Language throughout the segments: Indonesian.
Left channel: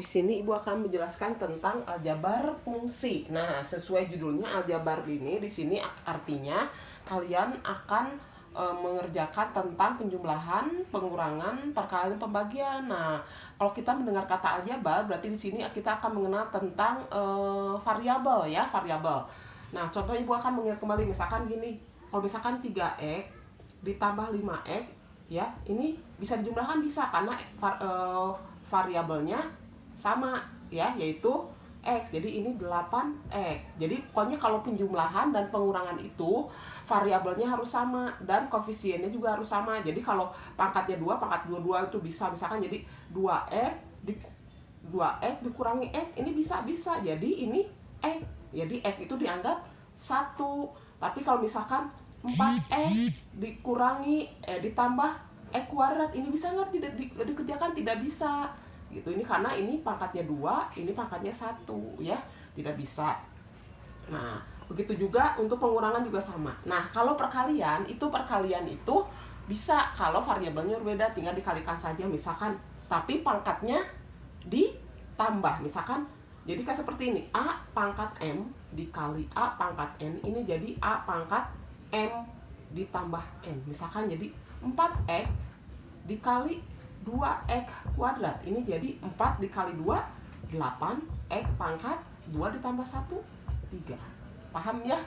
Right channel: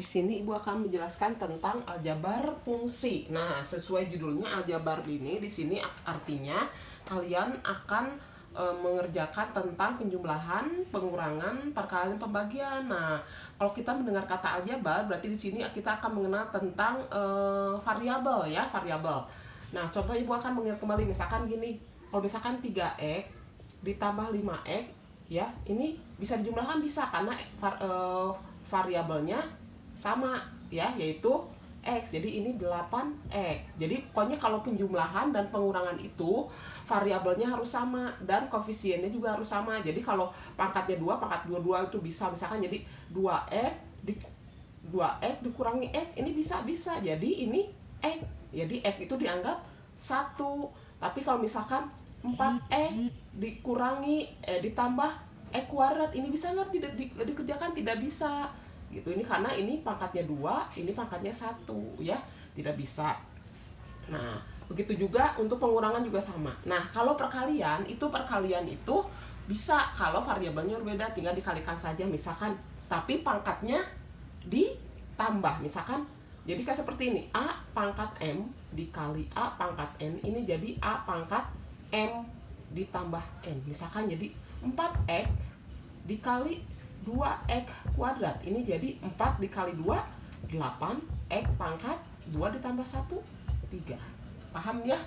Di sini Ibu akan menjelaskan tentang aljabar fungsi. Nah, sesuai judulnya aljabar ini di sini artinya kalian akan mengerjakan tentang penjumlahan, pengurangan, perkalian, pembagian. Nah, kalau kita mendengar kata aljabar berarti di sini kita akan mengenal tentang variabel ya, variabel. Nah, contoh Ibu akan mengingat kembali misalkan gini. Kalau misalkan 3x ditambah 5x ya, ini bisa dijumlahkan bisa karena variabelnya sama ya, yaitu X. Jadi ini 8X. Jadi pokoknya kalau penjumlahan dan pengurangan itu variabelnya harus sama dan koefisiennya juga harus sama. Jadi kalau pangkatnya 2, pangkat 22 itu bisa misalkan jadi 2X dikurangi X, ini bisa. Jadi ini X. Jadi X itu dianggap 1. Tapi kalau misalkan 4X dikurangi ditambah X kuadrat, ini bisa nggak dikerjakan? Tidak bisa gitu. Ini karena ini pangkatnya 2, ini pangkatnya 1 ya, tidak bisa. Nah, begitu juga untuk pengurangan juga sama. Nah, kalau perkalian itu bisa kalau variabelnya berbeda, tinggal dikalikan saja misalkan, tapi pangkatnya ditambah misalkan. Jadi kayak seperti ini, A pangkat M dikali A pangkat N, ini jadi A pangkat M ditambah N. Misalkan jadi 4X dikali 2x kuadrat, ini jadi 4 dikali 2 8x pangkat 2 ditambah 1 3. Paham ya?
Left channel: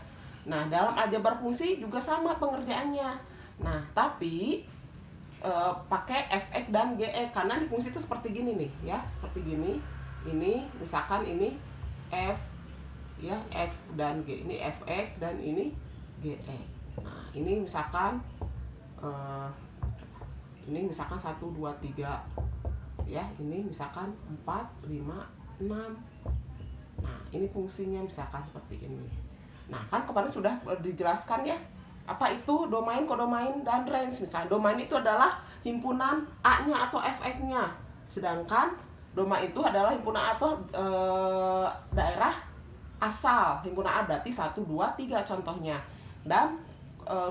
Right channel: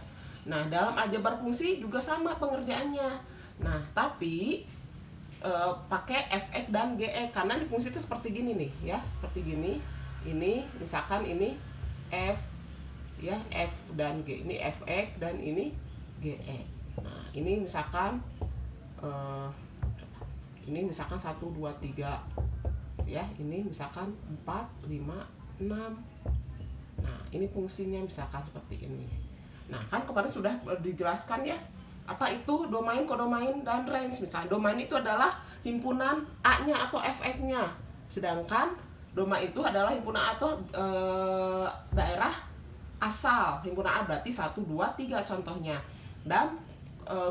Nah, dalam aljabar fungsi juga sama pengerjaannya. Nah, tapi pakai fx dan gx karena di fungsi itu seperti gini nih ya, seperti gini. Ini misalkan ini f ya, f dan g, ini fx dan ini gx. Nah, ini misalkan ini misalkan 1, 2, 3 ya, ini misalkan 4, 5, 6. Nah, ini fungsinya misalkan seperti ini. Nah, kan kemarin sudah dijelaskan ya, apa itu domain, kodomain, dan range. Misalnya domain itu adalah himpunan A-nya atau fx-nya, sedangkan domain itu adalah himpunan atau daerah asal. Himpunan A berarti 1, 2, 3 contohnya, dan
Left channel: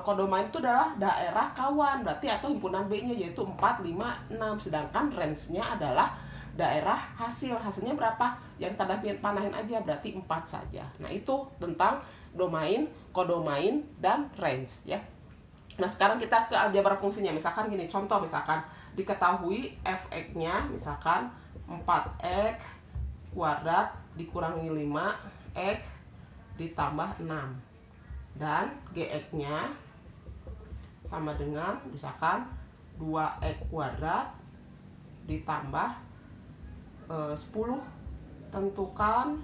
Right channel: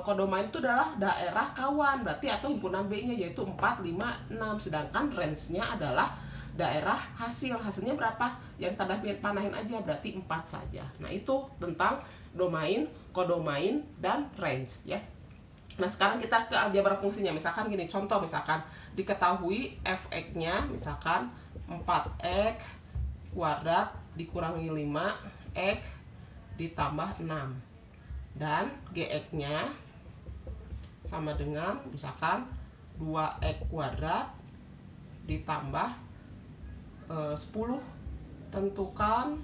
kodomain itu adalah daerah kawan berarti atau himpunan B-nya, yaitu 4, 5, 6. Sedangkan range-nya adalah daerah hasil. Hasilnya berapa? Yang tanda panahin aja, berarti 4 saja. Nah, itu tentang domain, kodomain, dan range ya. Nah, sekarang kita ke aljabar fungsinya. Misalkan gini, contoh misalkan diketahui fx-nya misalkan 4x kuadrat dikurangi 5x ditambah 6, dan gx-nya sama dengan misalkan 2x kuadrat ditambah 10. Tentukan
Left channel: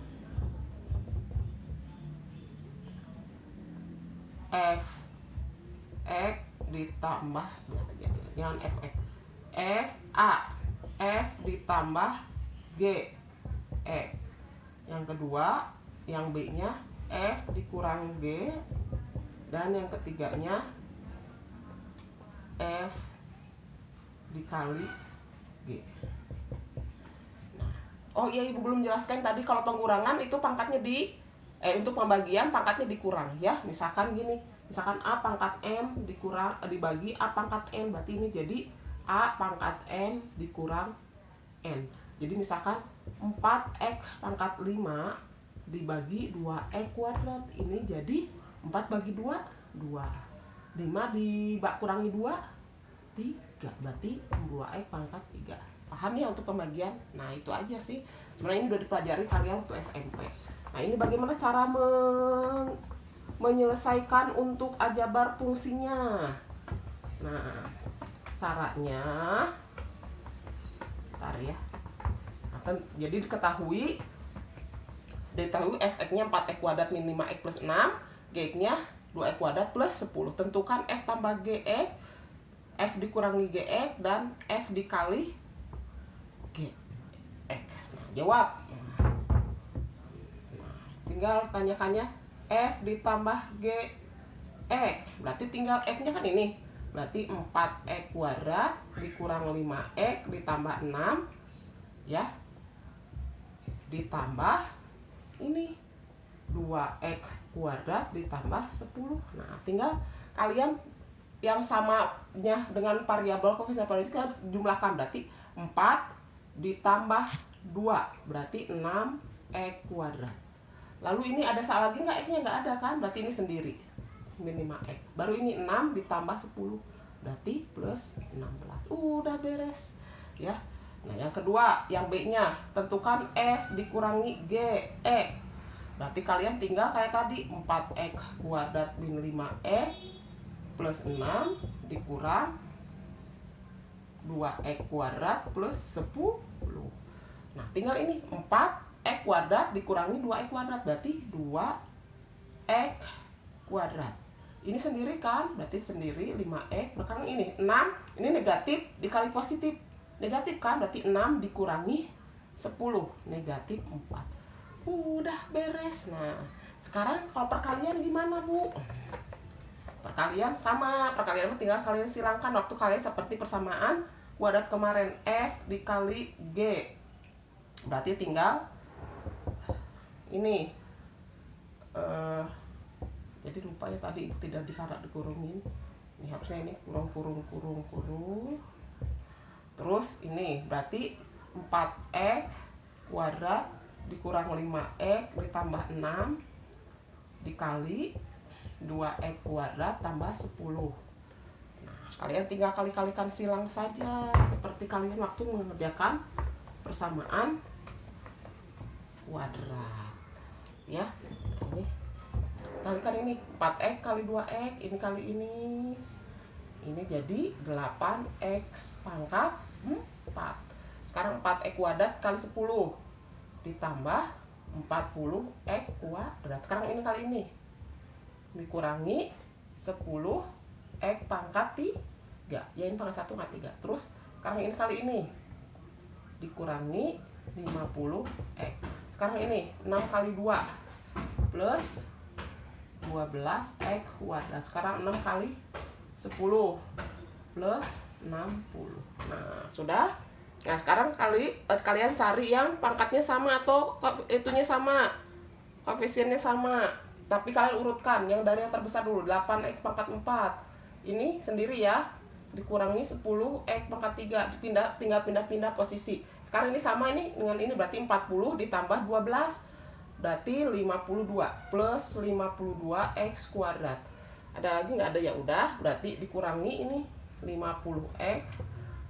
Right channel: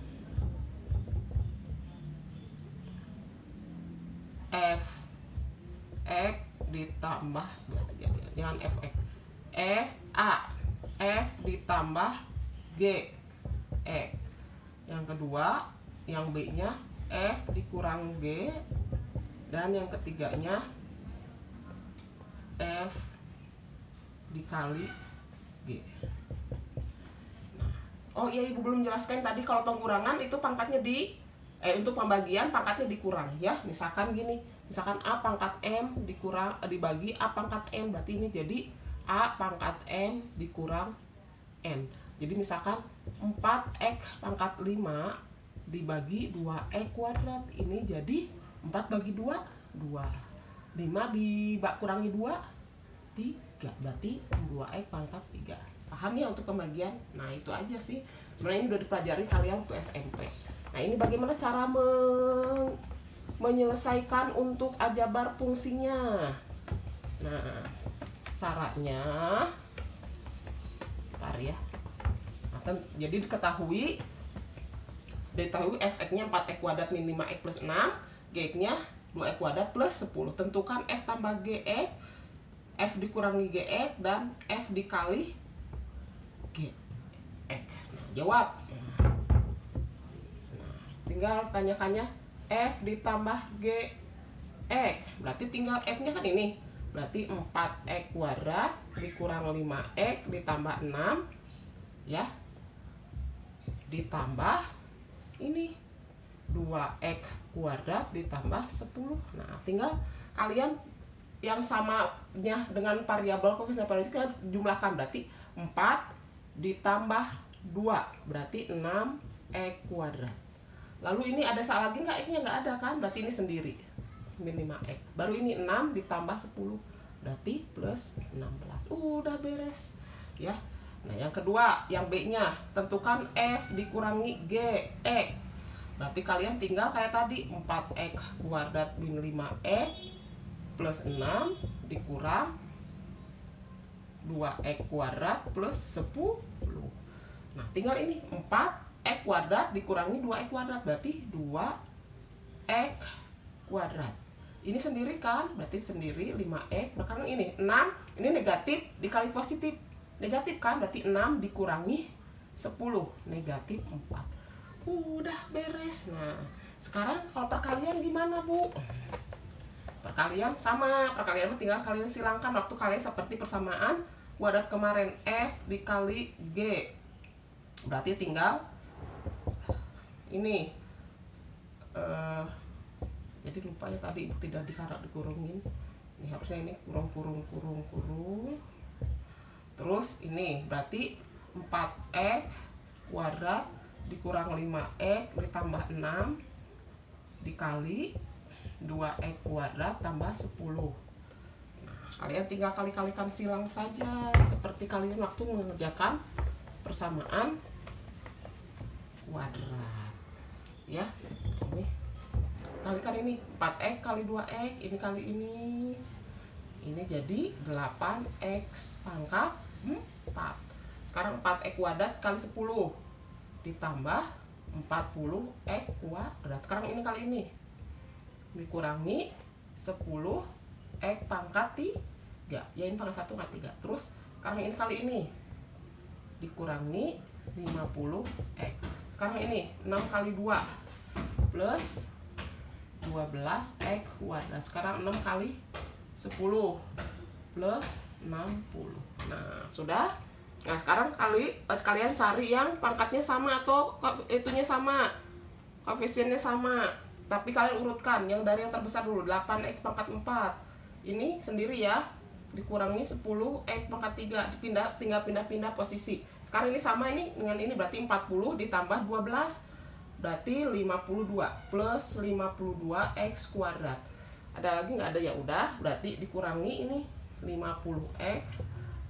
fx ditambah jangan fx, f ditambah g x. Yang kedua, yang b-nya f dikurang g, dan yang ketiganya f dikali g. Oh iya, Ibu belum jelaskan tadi kalau pengurangan itu pangkatnya untuk pembagian pangkatnya dikurang ya. Misalkan gini, misalkan A pangkat M dibagi A pangkat N, berarti ini jadi A pangkat N dikurang N. Jadi misalkan 4x pangkat 5 dibagi 2x kuadrat, ini jadi 4 bagi 2 2. 5 dikurangi 2 3, berarti 2x pangkat 3. Paham ya untuk pembagian? Nah, itu aja sih. Sebenarnya ini udah dipelajari kalian waktu SMP. Nah, ini bagaimana cara menyelesaikan untuk aljabar fungsinya. Nah, caranya bentar ya. Nah, jadi diketahui fx-nya 4x kuadrat min 5x plus 6, gx-nya 2x kuadrat plus 10. Tentukan f tambah gx, f dikurangi gx, dan f dikali gx. Nah, jawab. Nah, tinggal tanyakannya f ditambah gx, berarti tinggal f-nya kan ini, berarti 4x kuadrat dikurang 5x ditambah 6 ya, ditambah ini 2x kuadrat ditambah 10. Nah, tinggal kalian yang samanya dengan variabel koefisien variabel jumlahkan, berarti 4 ditambah 2, berarti 6x kuadrat. Lalu ini ada salah lagi nggak? X-nya nggak ada kan? Berarti ini sendiri, ini 5x. Baru ini 6 ditambah 10, berarti plus 16. Udah beres ya. Nah yang kedua, yang B-nya, tentukan F dikurangi G, E. Berarti kalian tinggal kayak tadi, 4x kuadrat min 5x plus 6 dikurang 2x kuadrat plus 10. Nah tinggal ini 4x kuadrat dikurangi 2x kuadrat, berarti 2x kuadrat. Ini sendiri kan, berarti sendiri 5x. Bahkan ini 6, ini negatif dikali positif. Negatif kan, berarti 6 dikurangi 10, negatif 4. Udah beres. Nah sekarang kalau perkalian gimana Bu? Perkalian sama, perkalian tinggal kalian silangkan waktu kalian seperti persamaan kuadrat kemarin, F dikali G. Berarti tinggal ini jadi lupa ya tadi tidak dikurungin. Ini harusnya ini kurung. Terus ini berarti 4x kuadrat dikurang 5x ditambah 6 dikali 2x kuadrat tambah 10. Nah, kalian tinggal kali-kalikan silang saja seperti kalian waktu mengerjakan persamaan kuadrat ya. Ini kalikan ini 4x kali 2x, ini kali ini jadi 8x pangkat 4. Sekarang 4x kuadrat kali 10 ditambah 40x kuadrat. Sekarang ini kali ini dikurangi 10x pangkat 3. Ya ini pangkat 1 pangkat 3. Terus sekarang ini kali ini dikurangi 50x. Sekarang ini 6 kali 2 plus 12x kuadrat. Sekarang 6 kali 10 plus 60. Nah sudah. Nah sekarang kalian cari yang pangkatnya sama atau itunya sama, koefisiennya sama, tapi kalian urutkan yang dari yang terbesar dulu. 8x pangkat 4 ini sendiri ya, dikurangi 10x pangkat 3, tinggal pindah posisi. Sekarang ini sama ini dengan ini, berarti 40 ditambah 12 berarti 52 plus 52x kuadrat. Ada lagi nggak? Ada, ya udah, berarti dikurangi ini 50x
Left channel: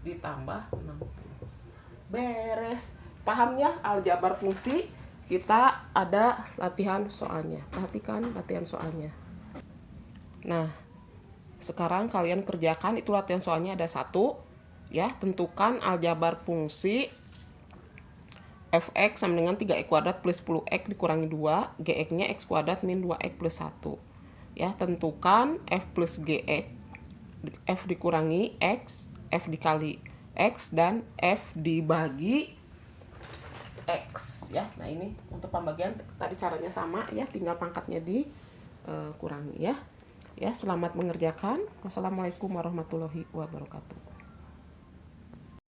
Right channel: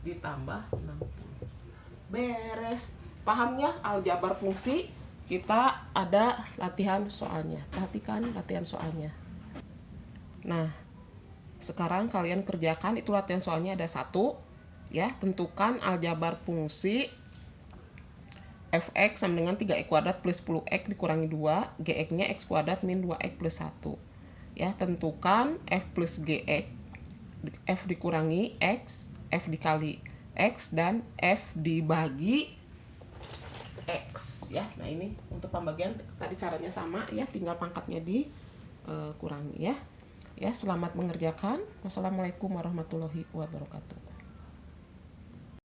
ditambah 60. Beres. Paham ya aljabar fungsi? Kita ada latihan soalnya. Perhatikan latihan soalnya. Nah, sekarang kalian kerjakan itu latihan soalnya ada 1 ya. Tentukan aljabar fungsi fx sama dengan 3x kuadrat plus 10x dikurangi 2, gx-nya x kuadrat min 2x plus 1. Ya, tentukan f plus gx, f dikurangi x, f dikali x, dan f dibagi x ya. Nah ini untuk pembagian tadi caranya sama ya, tinggal pangkatnya dikurangi ya. Ya, selamat mengerjakan. Wassalamualaikum warahmatullahi wabarakatuh.